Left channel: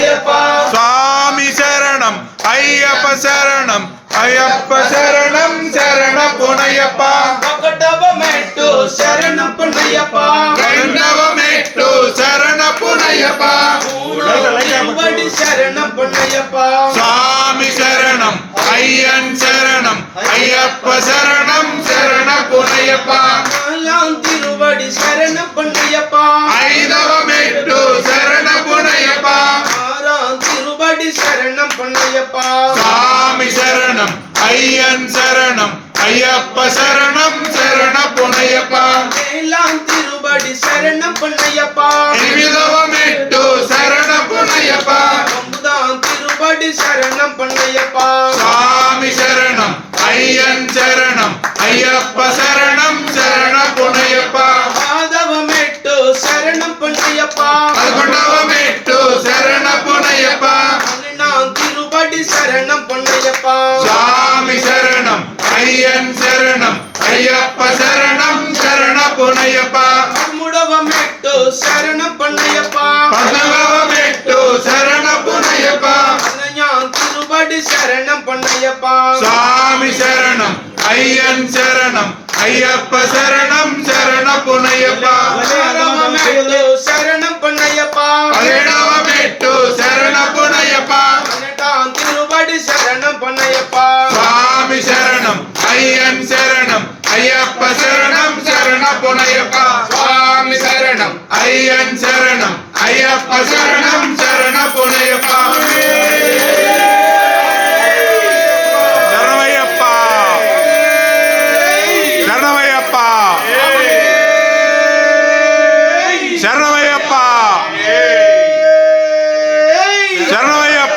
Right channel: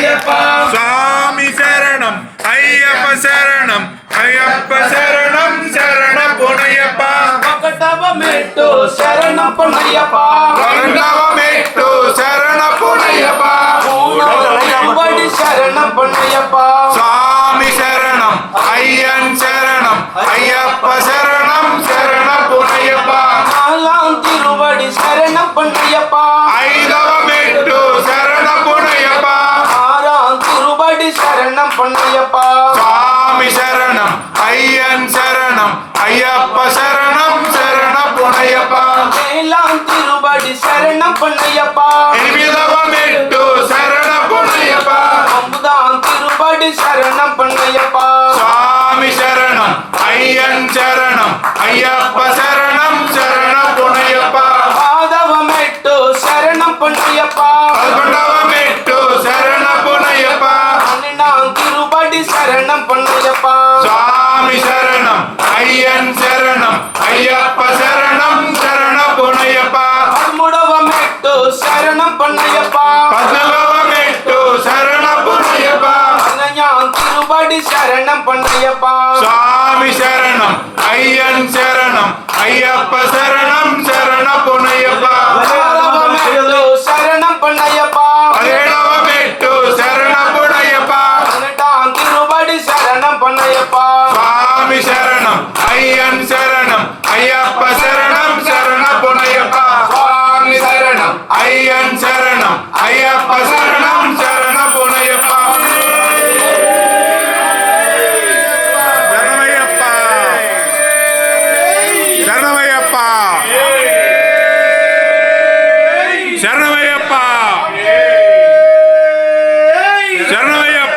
பொன்னையப்பா சுவாமி சரணம் ஐயப்ப சரணம் ஐயப்ப சரணம் சரண பொன்னையப்பா ఒకటవమెట్టు శరణ పొన్నయ్యప్ప రెండవమెట్టు శరణ பொன்னையப்பா తిరువడి శరణ పొన్నయ్యప్ప சுவாமி சரணம் ஐயன் சரணம் ஐயப்ப சரணம் சரண பொன்னையப்பா నాలాం తిరువడి శరణ పొన్నయ్యప్ప ஐதவமெட்டு சரண பொன்னையப்பா ఆరాం తిరువడి శరణ పొన్నయ్యప్ప சுவாமி சரணம் ஐயன் சரணம் ஐயப்ப சரணம் சரண பொன்னையப்பா ఏలాం తిరువడి శరణ పొన్నయ్యప్ప எனிமிதவமெட்டு சரண பொன்னையப்பா అంబుదాం తిరువడి శరణ పొన్నయ్యప్ప சுவாமி சரணம் ஐயன் சரணம் ஐயப்ப சரணம் சரண பொன்னையப்பா ఆదవమెట్టు శరణ పొన్నయ్యప్ప பதினொன்றாவமெட்டு சரண பொன்னையப்பா పన్నెండాం తిరువడి శరణ పొన్నయ్యప్ప சுவாமி சரணம் ஐயன் சரணம் ஐயப்ப சரணம் சரண பொன்னையப்பா పదమూడవ మెట్టు శరణం పొన్నయ్యప్ప பதினாலாவமெட்டு சரண பொன்னையப்பா పన్నెండాం తిరువడి శరణం పొన్నయ్యప్ప சுவாமி சரணம் ஐயன் சரணம் ஐயப்ப சரணம் சரண பொன்னையப்பா పదహారవ మెట్టు శరణం పొన్నయ్యప్ప பதினேழாவமெட்டு சரண பொன்னையப்பா పన్నెండాం తిరువడి శరణం పొన్నయ్యప్ప சுவாமி சரணம் ஐயன் சரணம் ஐயப்ப சரணம் சரண பொன்னையப்பா சுவாமி சரணம் ஐயன் சரணம் ஐயப்ப சரணம்